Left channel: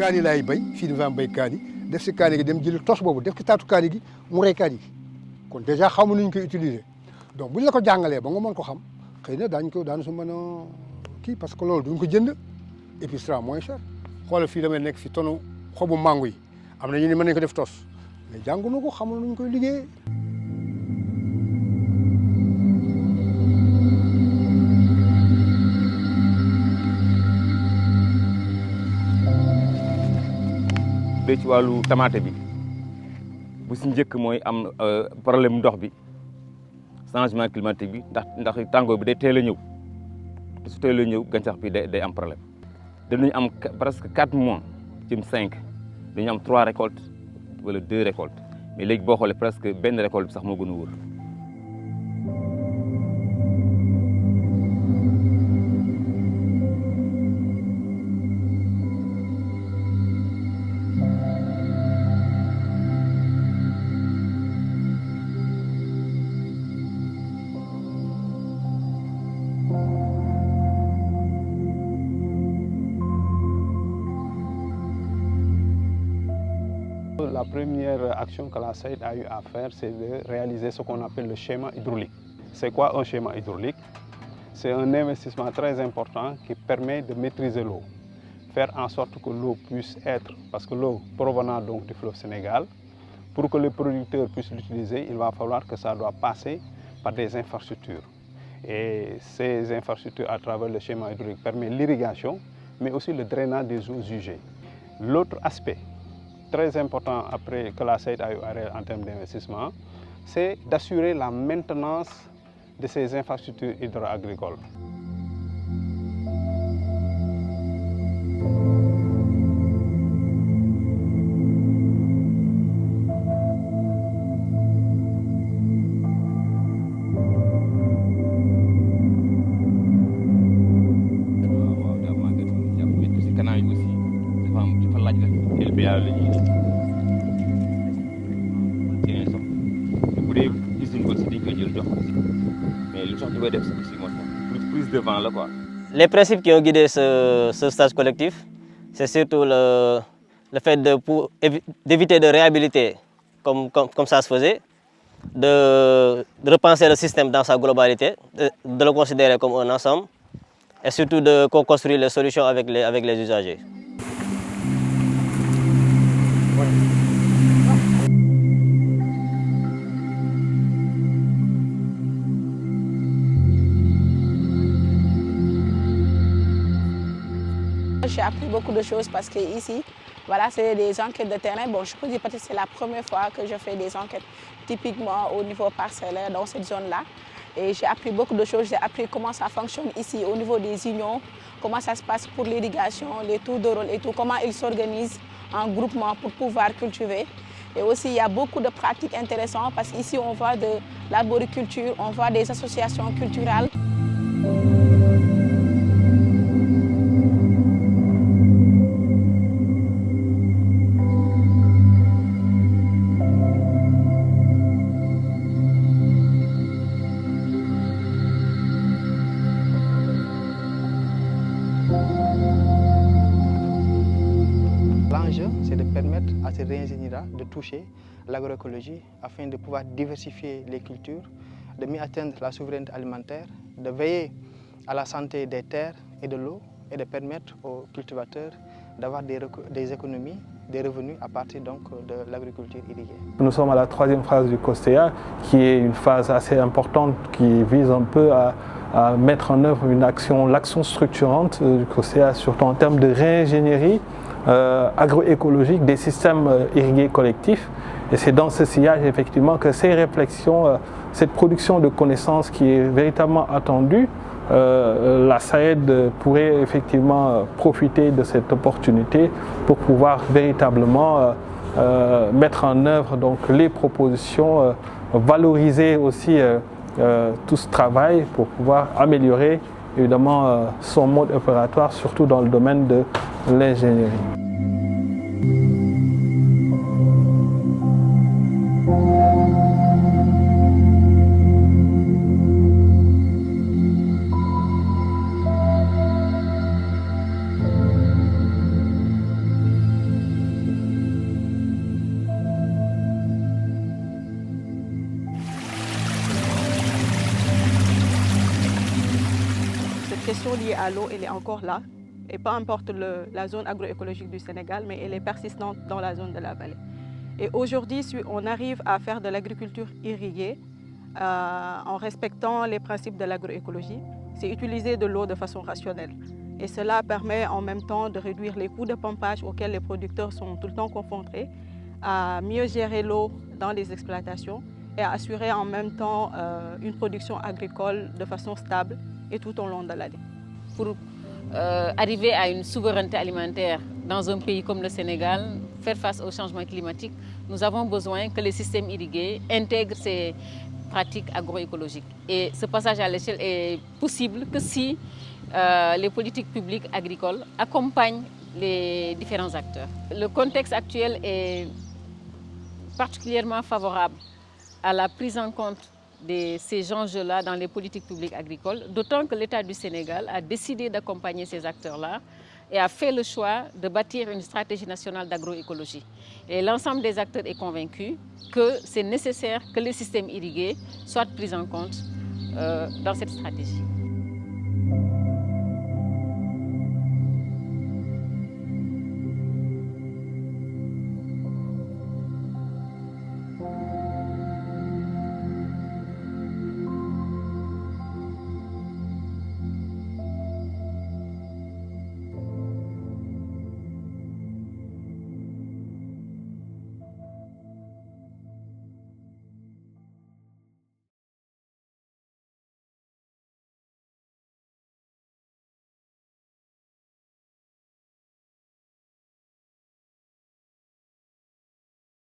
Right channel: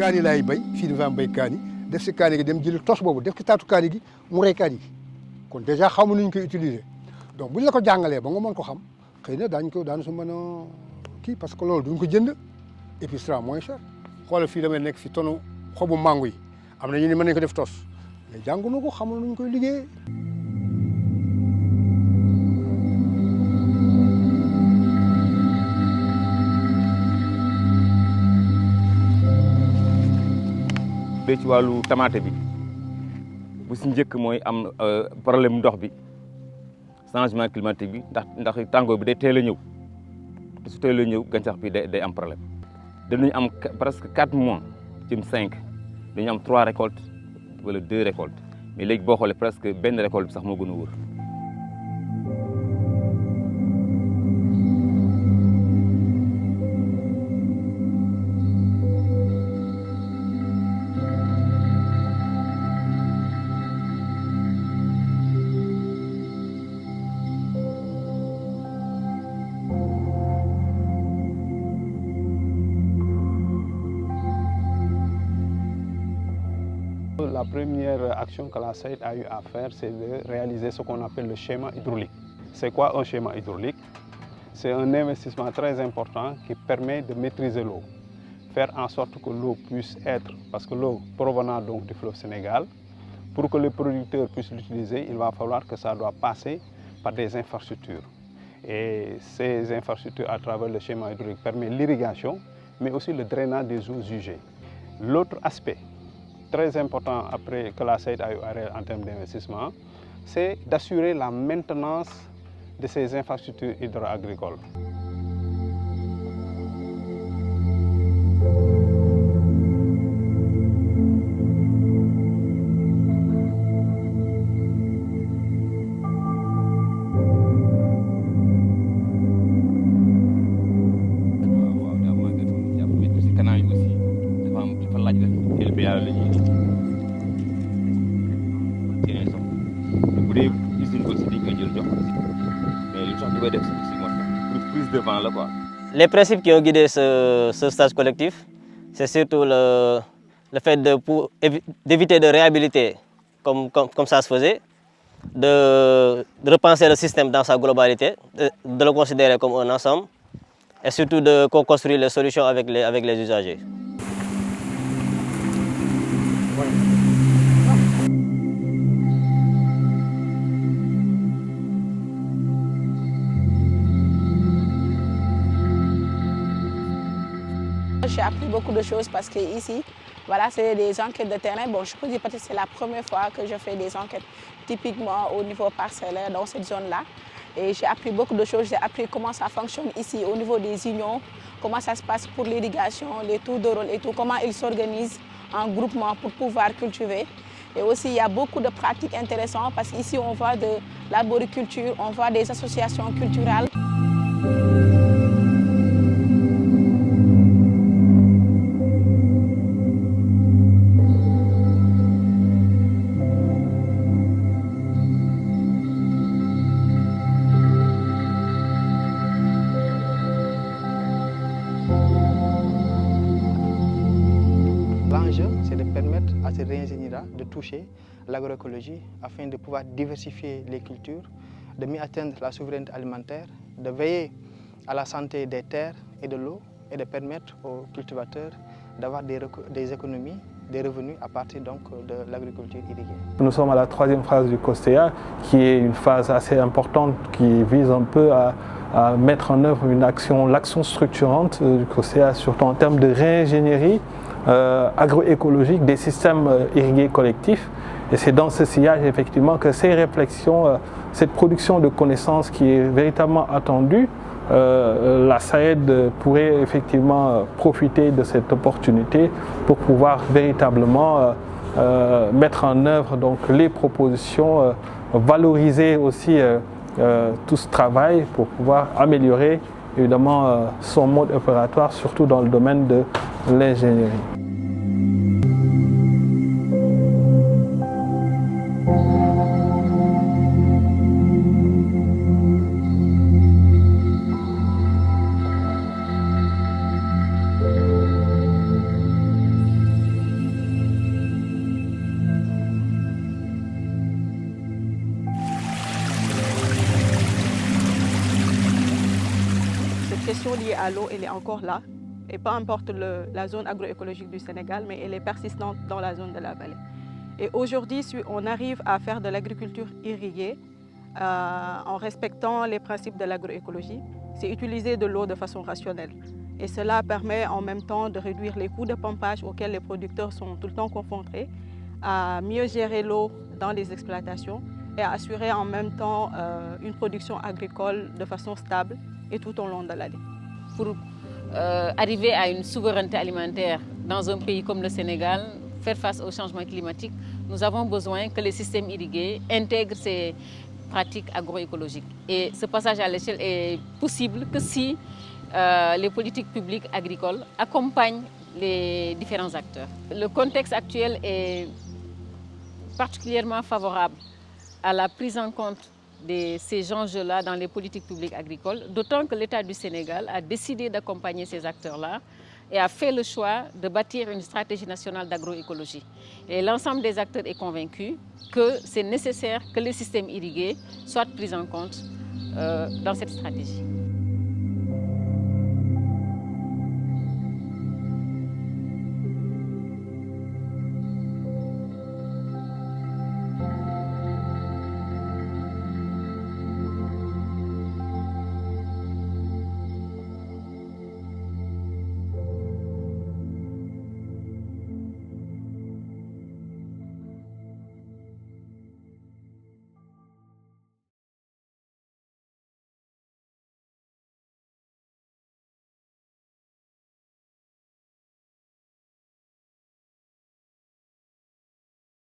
kaani laay bay fii dafa am bay kaani def si kaani gi dem jëli tos boobu def ci taatu kaani gi mu rey kaani gi kon dèjà xamu nu ñu koy utiliser donc bu ñu la ko jàngalee ba nga mën ko xam xëy na daañu su mën a kii parce que loolu duñ ko jënd et puis sera moins cher xoolal fii damay nekk fi tonu xobu mango yi am na ñu ne mën nañu ko def tos mais jànguñu ko xamul nu ñu koy liggéeyee. ci wàllu tamaate bi bu si njëkk mooy am problème ndox bi changement climatique bi ndax tàngoor bi day teel a ñëw te su teel a ñëw gàncax bi day am problème danañu am presque 4 mois jëm 5 dañu am 3 récoltes wala 2 récoltes mais léegi boo xoolee presque benn récolte bi sax moo gën a wóor. La première action que la SAED a eu à faire, c'est de réaliser ce qu'on appelle le schéma hydraulique. C'est quoi un schéma hydraulique? C'est un investissement très important qui permet de maîtriser l'eau, faire en sorte que l'eau puisse être, parce que l'eau provenant donc du fleuve Sénégal, pour que les producteurs puissent l'utiliser, il va falloir que ça doit passer par des infrastructures. Et ces infrastructures, à travers le schéma hydraulique, permettent l'irrigation, mais aussi le drainage des eaux usées. L'autre aspect très important après que la SAED a eu en termes d'investissement, c'est d'assurer la maintenance de ces infrastructures hydro-agricoles. Les principes qui ont guidé ce stage collectif, c'est surtout le fait d'éviter de réhabiliter comme ça se faisait, de repenser le système dans sa globalité, de le considérer comme un ensemble et surtout de co-construire les solutions avec les usagers. J'ai appris beaucoup de choses parce que ici, voilà, c'est des enquêtes de terrain. Bon, je peux dire peut-être que c'est la première fois que je fais des enquêtes typiquement au niveau parcellaire dans cette zone-là. Et j'ai appris beaucoup de choses. J'ai appris comment ça fonctionne ici au niveau des unions, comment ça se passe pour l'irrigation, les tours de rôle et tout, comment ils s'organisent en groupement pour pouvoir cultiver. Et aussi, il y a beaucoup de pratiques intéressantes parce qu'ici, on voit de l'arboriculture, on voit des associations culturelles. L'enjeu, c'est de permettre à ces ingénieurs de toucher l'agroécologie afin de pouvoir diversifier les cultures, de mieux atteindre la souveraineté alimentaire, de veiller à la santé des terres et de l'eau et de permettre aux cultivateurs d'avoir des économies, des revenus à partir donc de l'agriculture irriguée. Nous sommes à la 3e phase du COSTEA, qui est une phase assez importante qui vise un peu à mettre en œuvre l'action structurante du COSTEA, surtout en termes de réingénierie agroécologique des systèmes irrigués collectifs. Et c'est dans ce sillage effectivement que ces réflexions, cette production de connaissances qui est véritablement attendue, la SAED pourrait effectivement profiter de cette opportunité pour pouvoir véritablement mettre en œuvre donc, les propositions, valoriser aussi tout ce travail pour pouvoir améliorer évidemment son mode opératoire, surtout dans le domaine de l'ingénierie. question liée à l'eau, elle est encore là. Et peu importe la zone agroécologique du Sénégal, mais elle est persistante dans la zone de la vallée. Et aujourd'hui, on arrive à faire de l'agriculture irriguée en respectant les principes de l'agroécologie. C'est utiliser de l'eau de façon rationnelle. Et cela permet en même temps de réduire les coûts de pompage auxquels les producteurs sont tout le temps confrontés, à mieux gérer l'eau dans les exploitations et à assurer en même temps une production agricole de façon stable et tout au long de l'année. Pour arriver à une souveraineté alimentaire dans un pays comme le Sénégal, faire face au changement climatique, nous avons besoin que les systèmes irrigués intègrent ces pratiques agroécologiques. Et ce passage à l'échelle est possible que si les politiques publiques agricoles accompagnent les différents acteurs. Le contexte actuel est particulièrement favorable à la prise en compte de ces enjeux-là dans les politiques publiques agricoles, d'autant que l'État du Sénégal a décidé d'accompagner ces acteurs-là et a fait le choix de bâtir une stratégie nationale d'agroécologie. Et l'ensemble des acteurs est convaincu que c'est nécessaire que les systèmes irrigués soient pris en compte dans cette stratégie.